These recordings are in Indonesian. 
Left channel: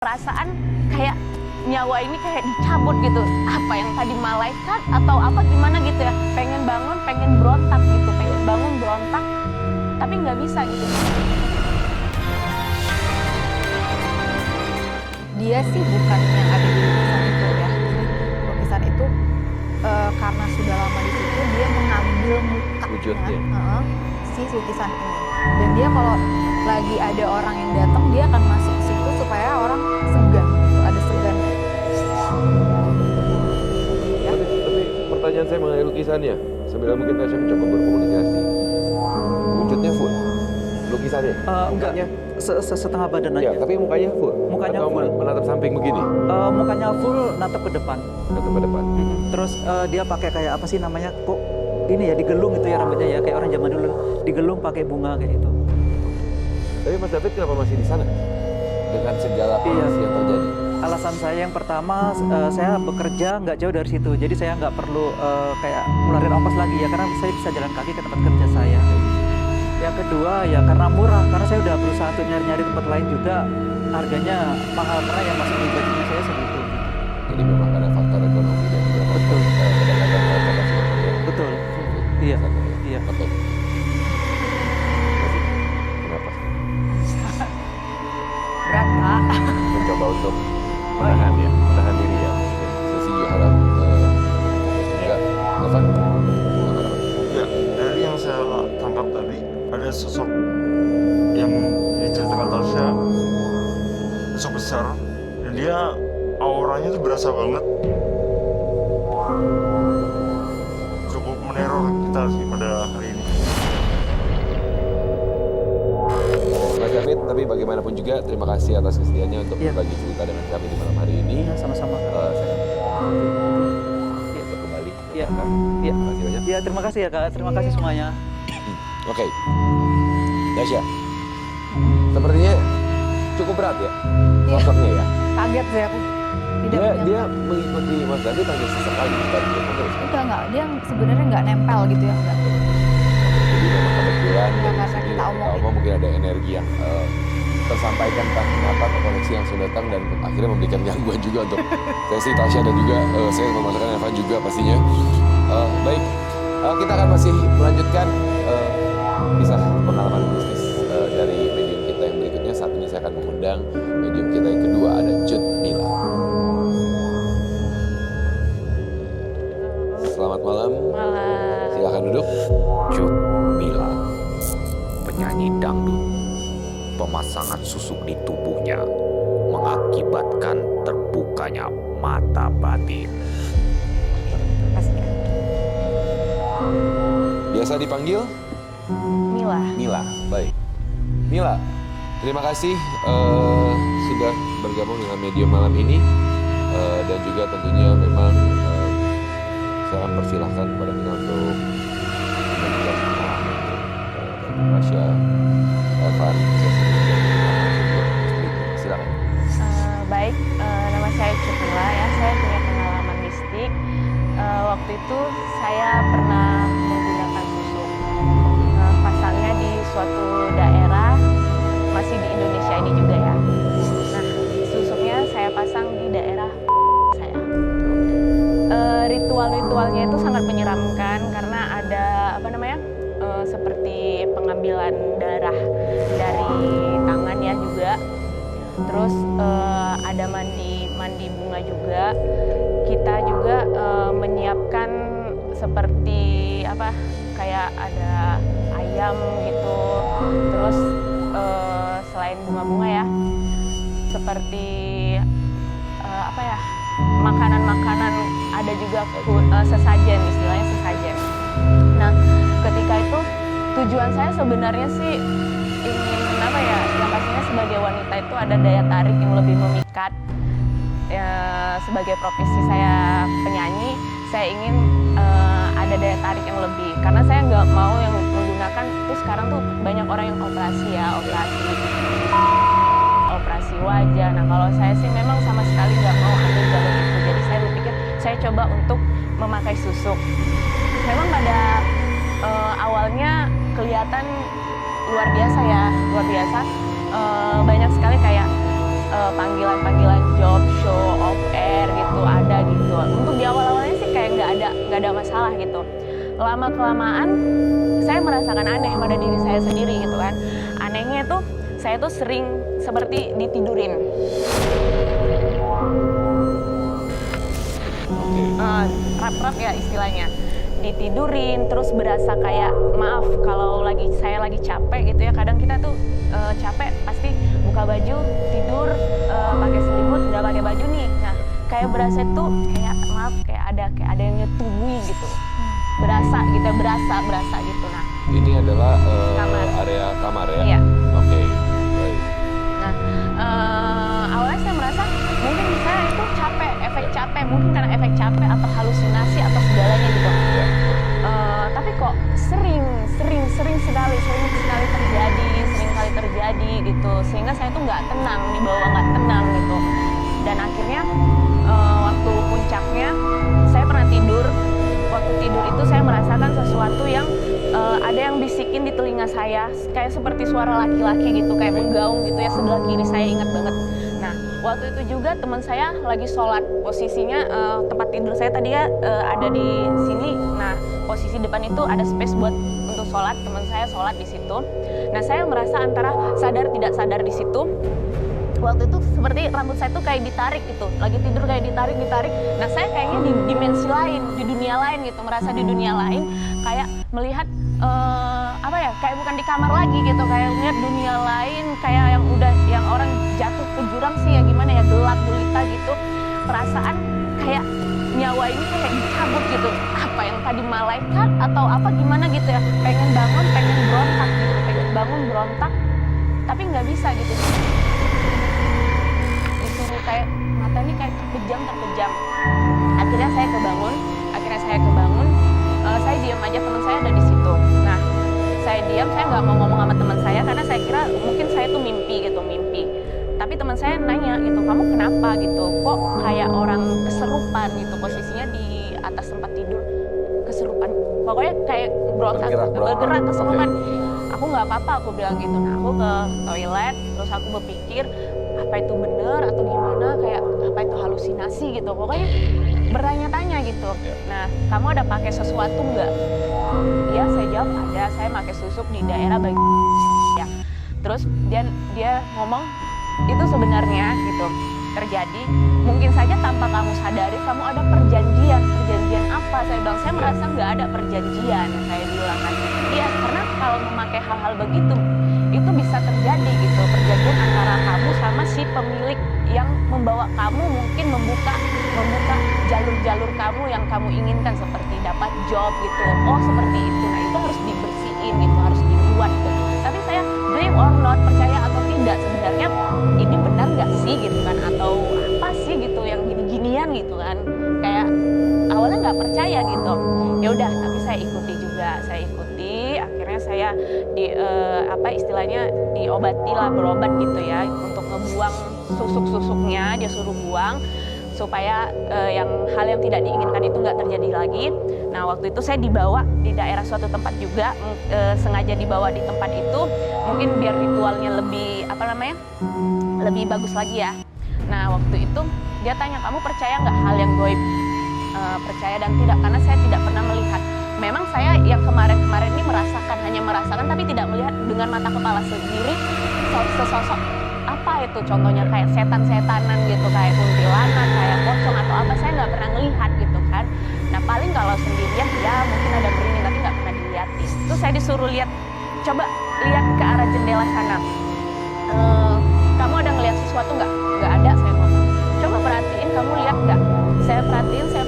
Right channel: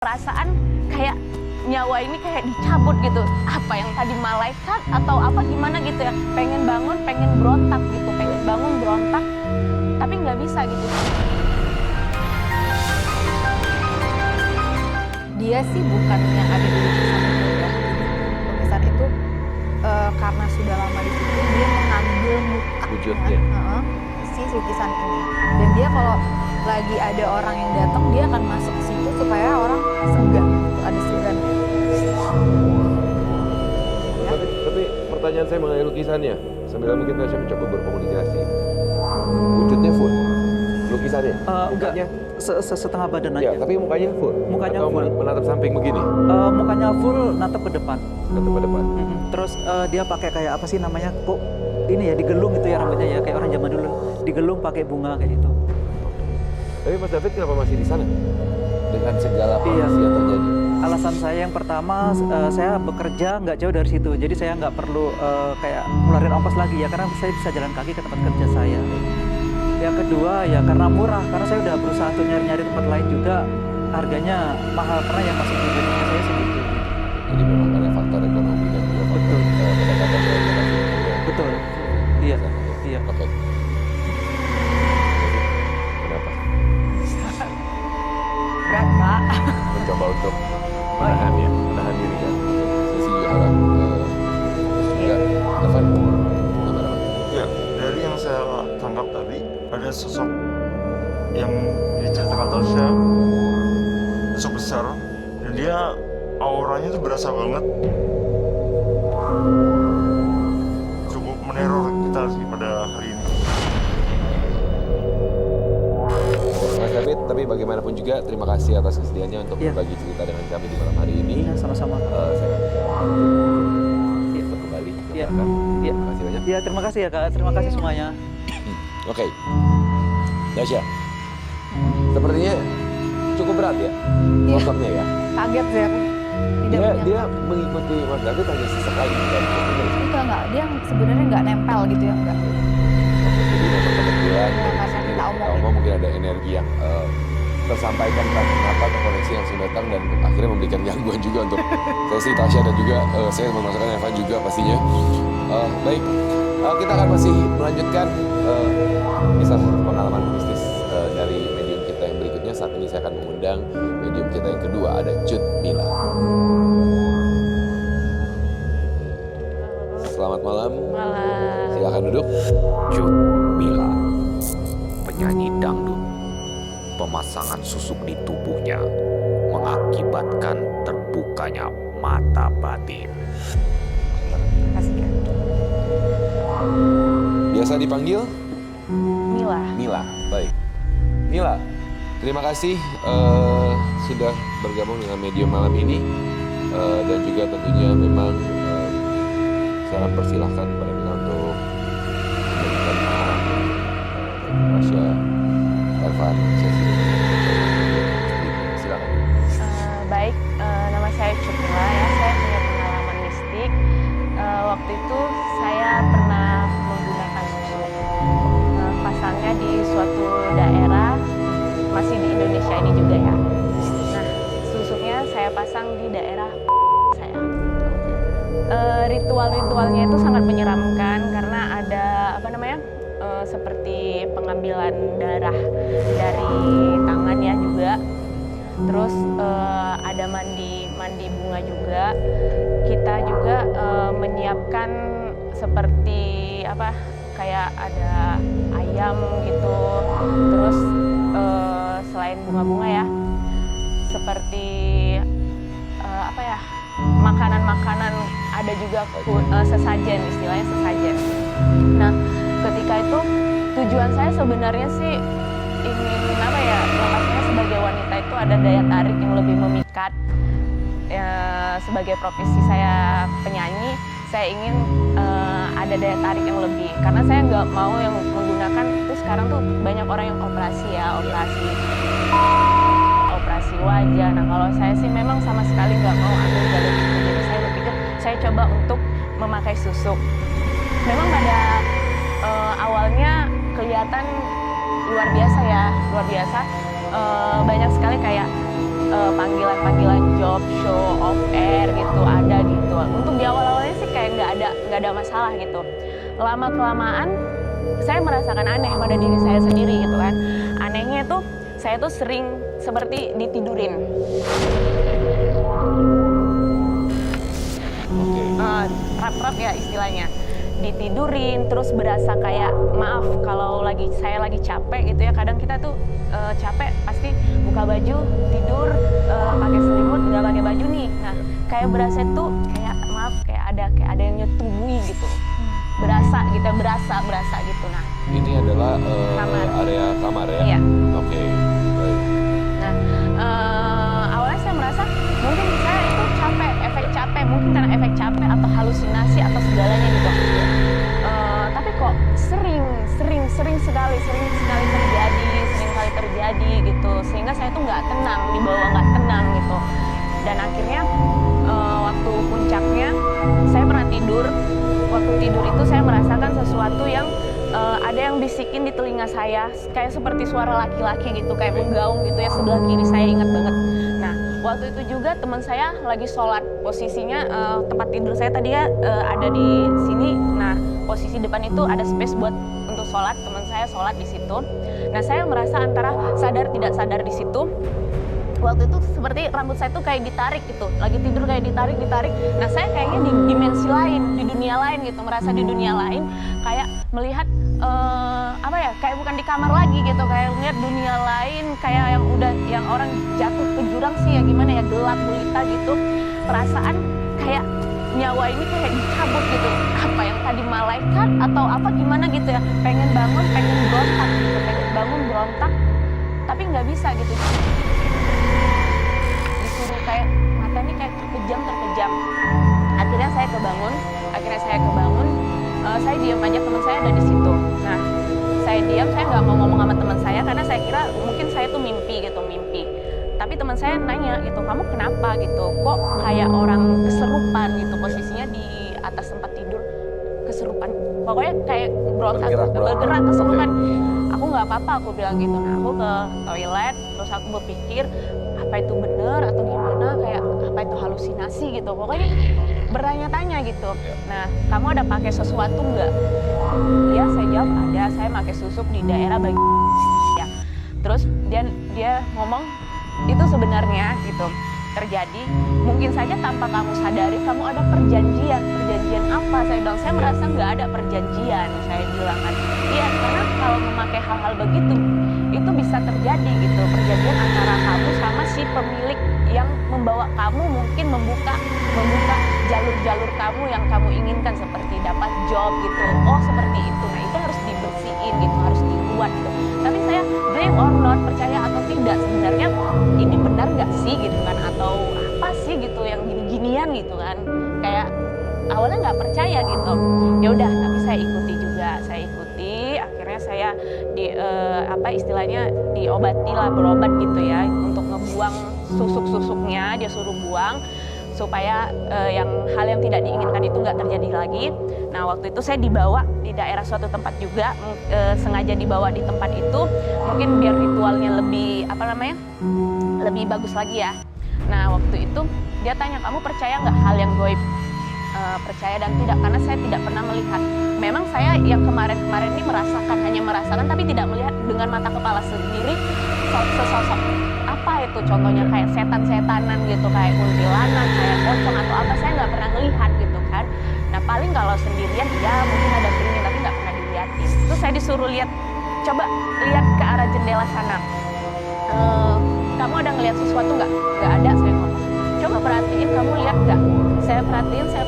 perasaan kayak nyawa ini kayak dicabut gitu. Apa yang tadi malaikat atau apa gimana gitu ya. Pengen bangun, pengen berontak gitu. Pengen bangun, berontak, tapi nggak bisa gitu. Dia sih bukan yang ada di lukisan itu ya. Jadi lukisan itu karena sudah lama di situ, dia mengambil mukanya wujudnya si lukisan ini. Dan dia kalau lagi ada orang yang datang, dia akan masuk ke situ supaya orang segan, gitu. Ada segannya. Ya. Tapi pertanyaan saya mengenai lukisannya, sambil mungkin saya mencoba berkomunikasi. Wujudnya full, lukisannya? Enggak, setengah badan Ya, aja. tapi mukanya full? Mukanya atau full. menatap samping begini? Mukanya full, natap ke depan. Natap ke depan? Terus dia pakai kayak apa sih namanya, kok ini ya, digelung gitu ya rambutnya ya, kayak orang zaman dulu. Digelung pakai bunga kayak gitu. Tapi Mas David kenapa masih di sana? Dengan segala kondisi yang terjadi? Alasan saya yang pertama, saya bekerja nggak jauh dari situ. Jadi saya nggak perlu kayak ngeluarin ongkos lagi ya, karena saya bisa jalan kaki ke tempat kerja saya. Yang kedua ya karena murah, karena saya udah berusaha untuk nyari-nyari tempat lain juga. Harganya mahal, karena yang masuk di budgetnya saya segitu. Gitu. Jadi memang karena faktor ekonomi dan juga faktor kedekatan dengan lokasi kerja. Betul. Iya. Iya. Oke. David, kenapa? Berat, Kak. Mencoba untuk menahan ya, menahan diri ya. Saya sih juga harap fokus juga. Evan, gimana Pak? Ya, dari yang saya tangkap tadi, ada sosok yang diceritakan Tasya, sosok besar, dan dia auranya tuh berasa banget. Cukup meneror kita sih pada hari ini. Mas David, tapi bagaimanapun juga terima kasih atas kesediaannya untuk berbagi cerita dengan kami di malam hari ini. Iya, sama-sama. Saya akan Iya. untuk kembali. Iya. Iya. Terima kasih banyak. Iya, terima kasih ya Kak. Terima kasih semuanya. Oke. Tasya, sepertinya cukup berat ya sosoknya ya. Kaget sih aku. Tidak menyangka. Dia mengikuti Mas David hanya sesekali bukan terus kan? Enggak. Dia sebenarnya nggak nempel gitu ya, enggak. Oke, jadi memang kebetulan Ya, dari karena sini kita dan kita omongin. omong mungkin ada energi yang tersampaikan entah kenapa terkoneksi langsung datang dan akhirnya memberikan gangguan juga untuk sesi Tasya dan juga saya memasukkan Evan juga pastinya. Baik, kita akan masih melanjutkan kisah pengalaman mistis dari medium kita yang berikutnya. Saat ini saya akan mengundang medium kita yang kedua, ada Cut Mila. Selamat malam. Malah Silakan duduk. Cut Mila, penyanyi dangdut. Pemasangan susuk di tubuhnya mengakibatkan terbukanya mata batin. Kasih ya. Biasa dipanggil Mila. Mila. Baik. Mila, terima kasih sudah bergabung dengan medium malam ini. Dan juga tentunya memang saya akan persilahkan kepada Mila untuk membagikan pengalamannya bagi Tasya, Evan, sesi ini. Silakan. Baik, nama saya Cut Mila ya. Saya punya pengalaman mistik. Waktu itu saya pernah menggunakan susuk. Pasangnya di suatu daerah, masih di Indonesia ini juga ya. Nah, susuknya saya pasang di daerah saya. Ritual-ritualnya itu sangat menyeramkan karena ada seperti pengambilan darah dari tangan ya juga. Terus ada mandi bunga juga. Kita juga menyiapkan seperti kayak ada ayam gitu. Terus selain bunga-bunga ya, seperti makanan-makanan, ada juga sesajen, istilahnya sesajen. Nah, ketika itu tujuan saya sebenarnya sih ingin yang pastinya sebagai wanita itu ada daya tarik yang lebih memikat. Sebagai profesi saya penyanyi, saya ingin ada daya tarik yang lebih, karena saya nggak mau yang menggunakan tuh. Sekarang tuh banyak orang yang operasi operasi wajah. Nah, kalau saya sih memang sama sekali nggak mau ambil jalur itu. Jadi saya berpikir saya coba untuk memakai susuk. Memang pada awalnya kelihatan luar biasa ya, luar biasa. Banyak sekali kayak panggilan-panggilan job, show, off air gitu ada gitu. Untuk di awal-awalnya sih kayak nggak ada masalah gitu. Lama-kelamaan saya merasakan aneh pada diri saya sendiri gitu kan. Anehnya itu saya tuh sering seperti ditidurin. Oke. Rap-rap ya istilahnya. Ditidurin, terus berasa kayak maaf kalau saya lagi capek gitu ya. Kadang kita tuh capek pasti buka baju, tidur, pakai selimut, nggak pakai baju nih. Nah, kayak berasa tuh kayak maaf kayak ada yang nyetubui gitu. Berasa gitu. Nah, Ini adalah Kamar. area kamar ya? Iya. Oke, baik. Nah, awalnya saya merasa mungkin saya itu capek, efek capek, mungkin karena efek capek atau halusinasi atau segalanya gitu. Ya. Tapi kok sering sekali terjadi gitu, sehingga saya tuh nggak tenang, dibawa nggak tenang gitu. Dan akhirnya waktu puncaknya saya pernah tidur. Waktu tidur itu saya merasakan sesuatu yang ada yang bisikin di telinga saya, kayak seperti suara laki-laki gitu, kayak menggaung gitu ya, sebelah kiri saya ingat banget. Nah, waktu itu juga teman saya lagi sholat, posisinya tempat tidur saya tadi ya ada di sini. Nah, posisi depan itu ada space buat untuk sholat, teman saya sholat di situ. Nah, saya merasa antara sadar tidak sadar di situ. Waktu itu seperti rambut saya tuh kayak ditarik gitu, lagi tidur kayak ditarik. Nah, saya kayaknya di dimensi lain, di dunia lain gitu, merasa di dunia lain, kayak melihat kayak bukan di kamar lagi gitu, kayak melihat dunia lain, kayak yang orang jatuh ke jurang sih ya gimana ya, gelap gulita gitu. Perasaan kayak nyawa ini kayak dicabut gitu, apa yang tadi malaikat atau apa gimana gitu ya, pengen bangun, pengen berontak gitu, pengen bangun berontak, tapi nggak bisa gitu. Disuruh kayak mata ini kayak terpejam. Akhirnya saya kebangun, saya diam aja, teman saya ada di situ. Nah, saya diam, saya nggak mau ngomong sama teman saya karena saya kira mungkin saya tuh mimpi. Tapi teman saya nanya gitu, kamu kenapa gitu? Kok kayak orang keserupan gitu, posisinya di atas tempat tidur, keserupan. Pokoknya kayak bergerak keserupan. Aku nggak apa-apa, aku bilang gitu. Nah, aku ke toilet, terus aku berpikir apa itu benar atau gimana, kayak apa itu halusinasi gitu. Pokoknya bertanya-tanya gitu. Nah, kamu ada pakai sesuatu nggak? Iya, saya jawab ada. Saya pakai susuk di daerah bagian ya. Terus dia ngomong itu sebenarnya gitu terjadi. Mungkin saja tanpa kamu sadari kamu ada perjanjian apa? Saya bilang saya merasa nggak ada perjanjian. Saya bilang kan, iya karena kalau memakai hal-hal begitu itu bisa terjadi gitu, perjanjian antara kamu sama si pemilik yang membawa kamu mungkin membuka jalur-jalur kamu yang kamu inginkan, seperti dapat job gitu. Oh seperti itu. Nah, itu harus dibersihin gitu, harus dibuat gitu. Tapi saya believe or not, percaya atau tidak, sebenarnya ini benar nggak sih gitu kan, atau apa sih gitu yang gini-ginian gitu kan. Kayak awalnya nggak percaya gitu. Ya udah, tapi saya ikuti juga, akhirnya saya istilahnya diobati lah, berobat gitu ya, untuk ngebuang susuk-susuknya, dia suruh buang supaya hal yang tidak diinginkan itu nggak terjadi lagi. Nah, waktu itu saya dibawa di daerah suatu tempat juga, sengaja dibawa di tempat itu mungkin biar ritualnya lebih lebih bagus lagi ya. Nah, waktu itu dia tanya, kamu percaya nggak hal yang gaib? Percaya dan tidak, karena saya tidak pernah melihat. Memang saya yang kemarin ini hanya merasakan tapi tidak melihat dengan mata kepala sendiri sesosok apa itu, contohnya kayak setan-setanan gitu, kayak kuntilanak, kayak pocong atau apa, saya nggak pernah ngelihat gitu kan. Nah, paling kalau sendirian ya mungkin ada merinding tapi nggak pernah dilihatin. Terus saya disuruh coba lihat ke arah jendela sana. Kamu ada ngelihat sesuatu nggak? Nggak ada, saya ngomong. Coba perhatiin, kamu lihat nggak? Saya perhatiin, saya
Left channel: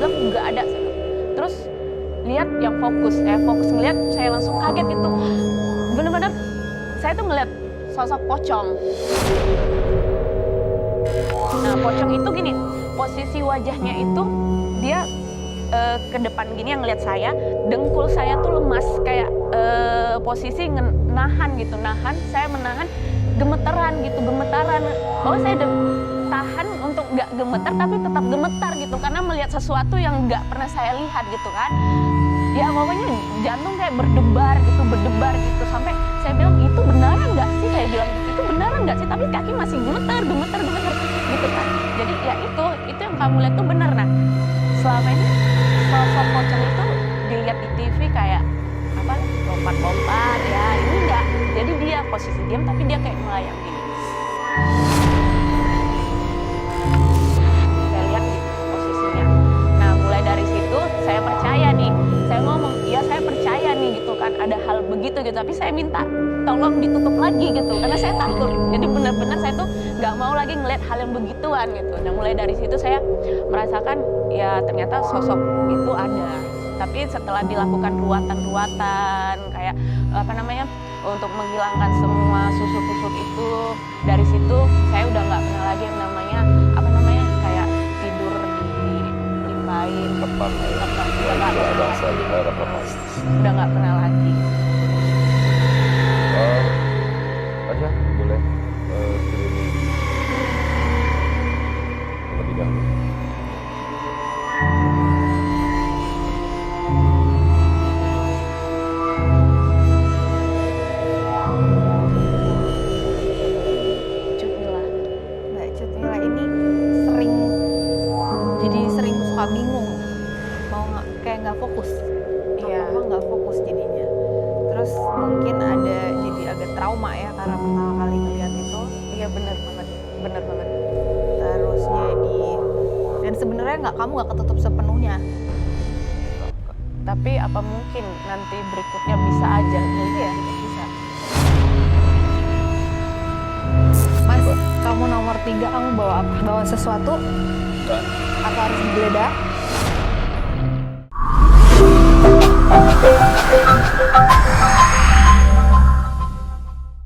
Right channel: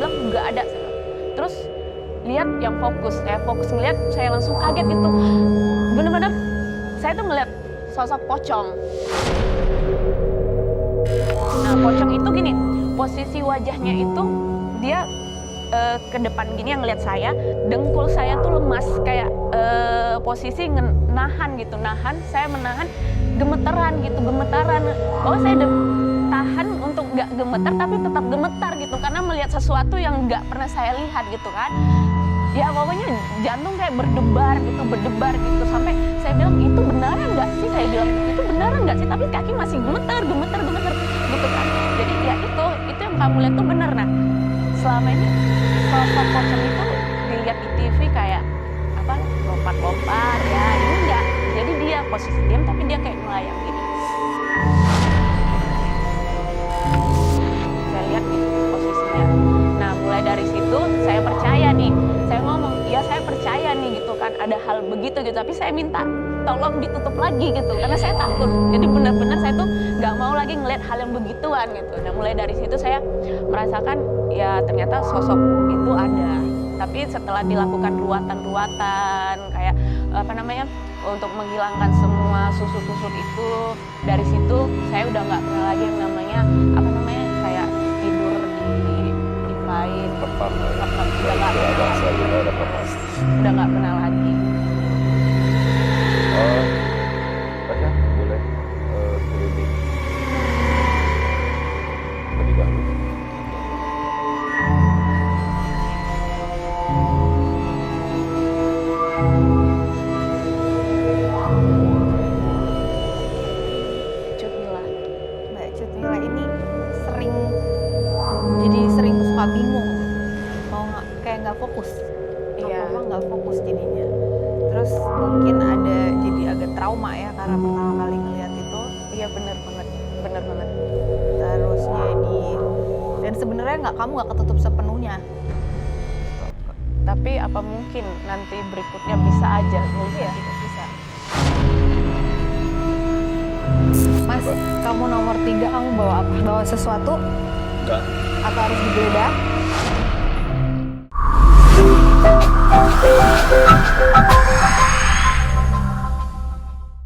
bilang nggak ada. Saya bilang. Terus lihat yang fokus ngeliat, saya langsung kaget gitu. Bener-bener saya tuh ngeliat sosok pocong. Nah, pocong itu gini, posisi wajahnya itu dia ke depan gini yang ngeliat saya, dengkul saya tuh lemas kayak posisi nahan, saya menahan gemetaran. Bahwa saya tahan untuk nggak gemetar tapi tetap gemetar gitu, karena melihat sesuatu yang nggak pernah saya lihat gitu kan. Ya pokoknya jantung kayak berdebar gitu, sampai Saya bilang, itu beneran nggak sih? Saya bilang gitu, itu beneran nggak sih? Tapi kaki masih gemeter gitu kan. Jadi ya itu yang kamu lihat tuh bener. Nah, selama ini sosok pocong itu dilihat di TV kayak apa, lompat-lompat ya, ini enggak. Jadi dia posisi diam tapi dia kayak melayang gini. Saya lihat gitu posisinya. Nah, mulai dari situ saya percaya nih. Saya ngomong, ya saya percaya nih gitu kan, ada hal begitu gitu. Tapi saya minta tolong ditutup lagi gitu, karena saya takut. Jadi benar-benar saya tuh nggak mau lagi ngeliat hal yang begituan gitu. Nah, mulai dari situ saya merasakan ya ternyata sosok itu ada. Tapi setelah dilakukan ruatan-ruatan kayak apa namanya, untuk menghilangkan semua susut-susut itu, dari situ saya udah nggak pernah lagi yang namanya apa namanya kayak tidur ditimpain. Lepan lah ya. Udah nggak pernah bahasa lagi. kita ada lepas. Udah nggak pernah lagi. Tasya, boleh screening terlebih dahulu. Cut Mila. Mbak Cut Mila ini sering suka bingung, mau kayak nggak fokus, Iya. apa nggak fokus jadinya. Terus mungkin ada jadi agak trauma ya karena pertama kali ngeliat itu. Iya bener banget. Terus jadi dan sebenarnya kamu nggak ketutup sepenuhnya. Tapi apa mungkin nanti berikutnya bisa aja? Iya, bisa. Mas, kamu nomor 3, kamu bawa apa? Bawa sesuatu? Enggak. Atau harus digeledah?